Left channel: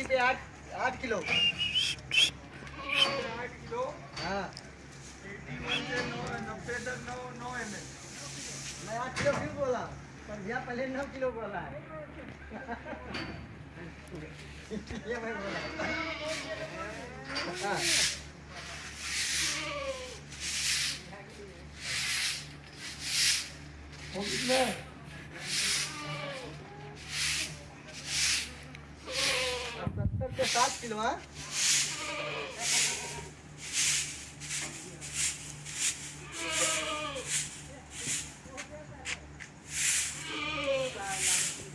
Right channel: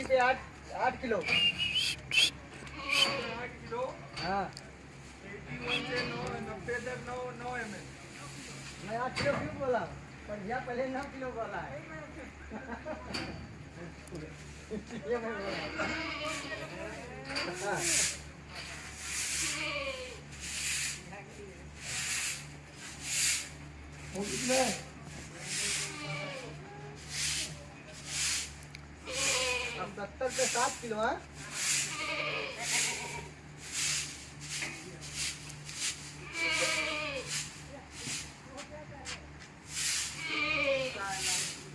80 पे 8 8 किलो 8 किलो हाँ 81 से 9 90 तक 9 ml। मैं 8 किलो फिर बोला पर भैया पहले 9 किलो बोला है इसलिए मैं बोला हाँ। वो कितने 70 पे 7 किलो हाँ